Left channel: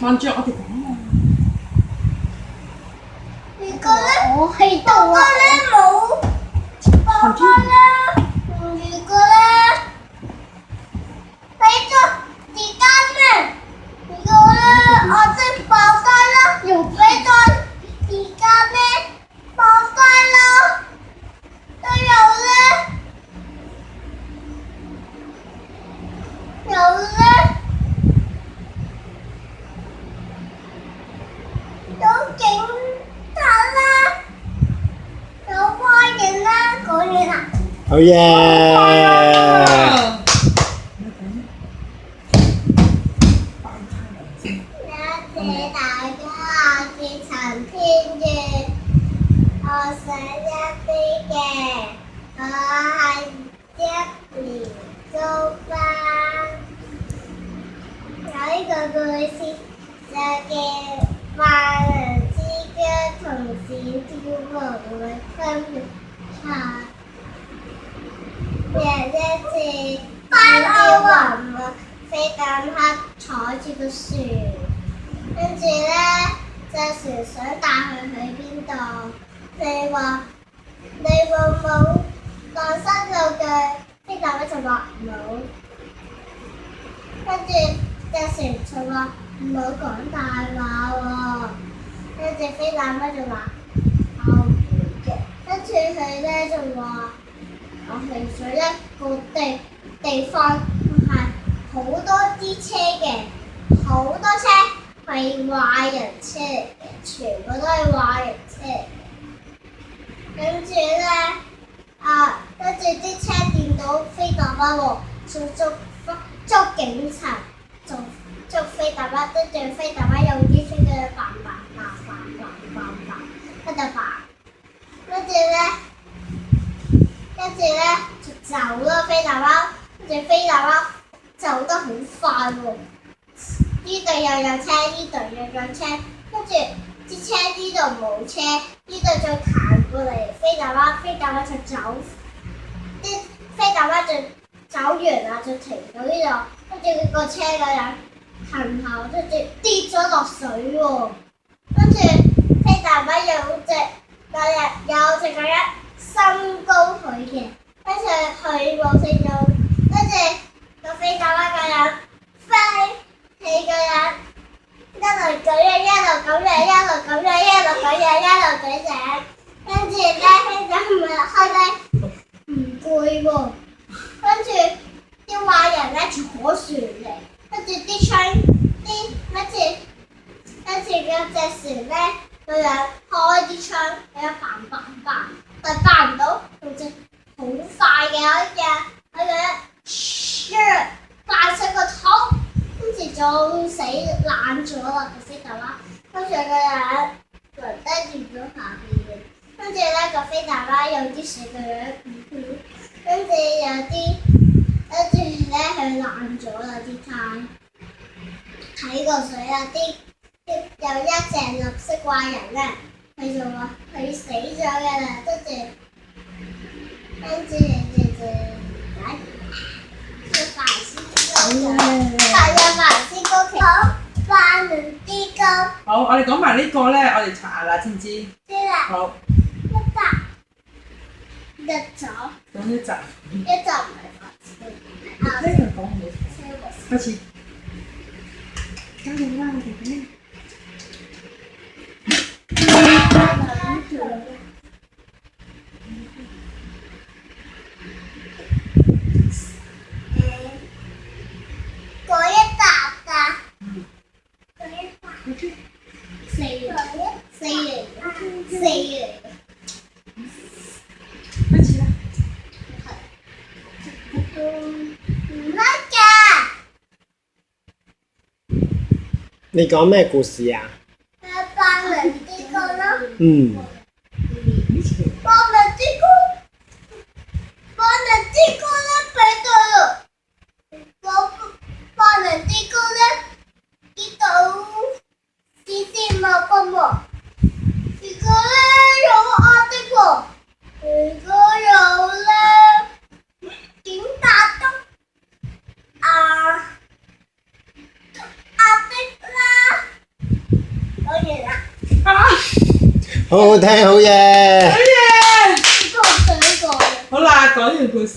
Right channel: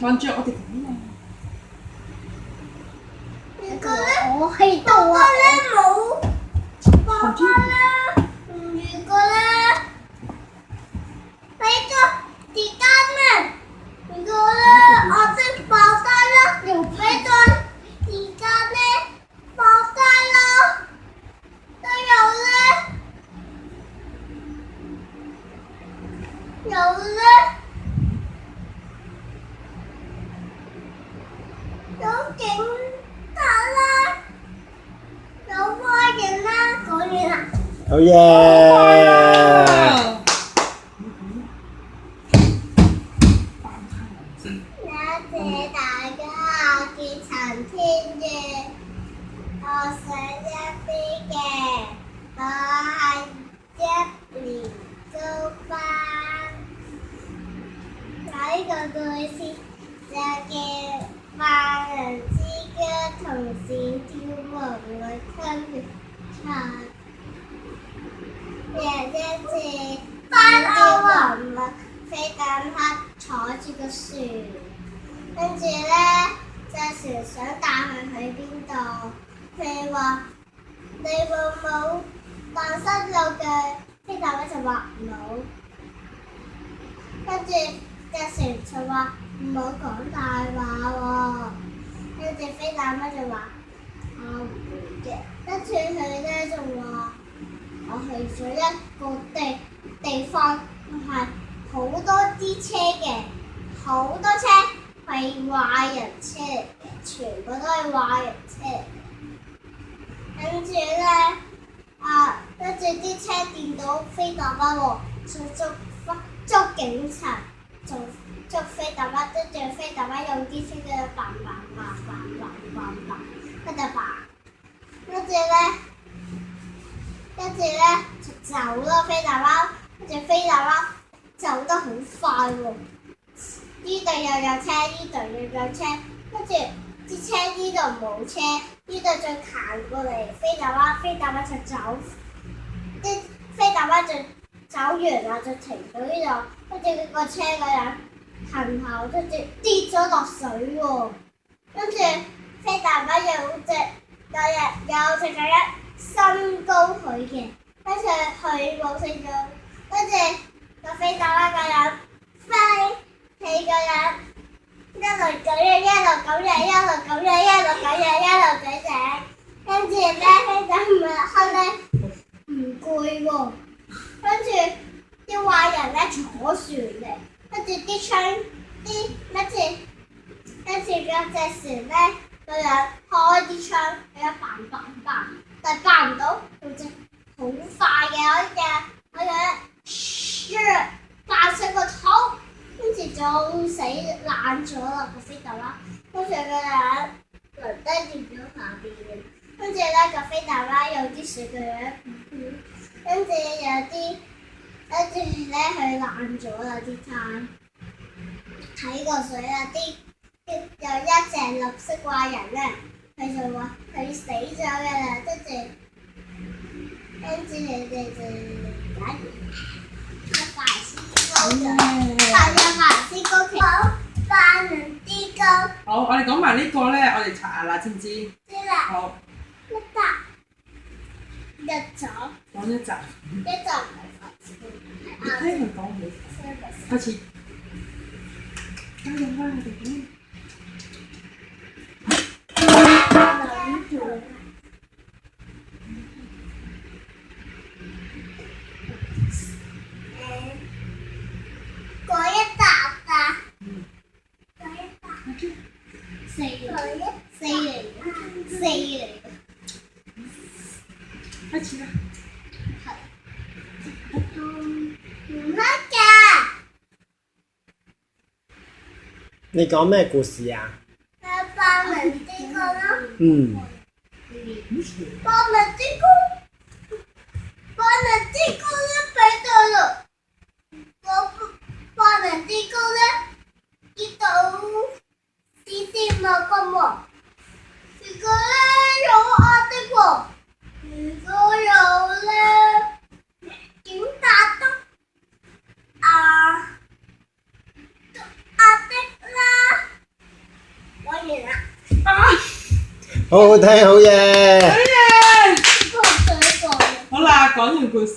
望住我哋講啊！如果咧，我喺度啊！爸爸咧，如果咧，俾咗時間咧，如果咧，我識爆胎啦，又俾咗時間咧，爆胎啦，都有咧，有警察啦，有壞人啦，講完啦。好嘢！多謝大家嘅陳天嘅，我想一啲嘅，我係一年中班。有呢個故事就叫萬能之家同小跳房嘅分別差。有一次，小跳房飛緊黑坐住個船，跟住咧隻船想帶佢去邊度？你話你會唔會蕩失路嘅？飛大媽就話冇，跟住隻船就話唔好講大話喎，跟住飛大媽就話我唔會嘅，跟住佢咧就話我去咗一個地方係好多啲車嘅，好多車係壞人車嚟嘅，全部都係壞人車嚟嘅。跟住咧，跟住啲車見到飛大媽喎，捉警察，捉飛大媽，跟住飛大媽用啲車嘅嘭，跟住咧就走啦，飛大媽，跟住飛大媽走得好快喎，呢度又有車，呢度又有車，跟住啲車呢度冇車，呢度再行過嚟，飛大媽就走，啲飛大媽就走完啦，就停到呢度，跟住個車嗰人行後，跟住跌咗落水喎，跟住飛大媽有隻嗰人升高佢嘅，跟住佢冇升到，跟住個飛大媽嗰人飛起嗰人。一路咁樣，一路咁樣，一路咁樣，一路咁樣，一路咁樣，跟住咧，飛大媽後咧唔攰喎，跟住啲壞人咧坐船嚟，跟住啲槍跟住嗰隻船咧，個人開啲槍，佢一嘭，但係嘭唔到，佢隻好快嘅嗰隻，爆出個頭。跟住仲死爛咗啦個飛大媽，跟住個人暈低住咗下邊嘅，跟住咧個飛大媽有啲水嘅樣，跟住咧佢爛咗啦啲胎，睇個水啊有一隻綠色怪人咧，佢就話佢死咗嘅啦，跟住人哋就快先高企，萬能之高。好，我哋講埋呢個咧，我哋查下啦，知唔知？知啦。好。一集。講一集。一集唔係法師。聽佢講好。開始。加油啦！我哋咧。嗰一集㗎。嗰一集。四嚟。開始啦。唔得㗎。你講咩故事啊？萬能之高咯。嗯。萬能之高咧，俾到啦。萬能之高咧，呢度視線冇咁喎。如果咧有壓的喎，如果有咧警察都壓的啦。完啦，啊！好好聽，好嘢。好嘢！個水果嘅。好啦，講完故事。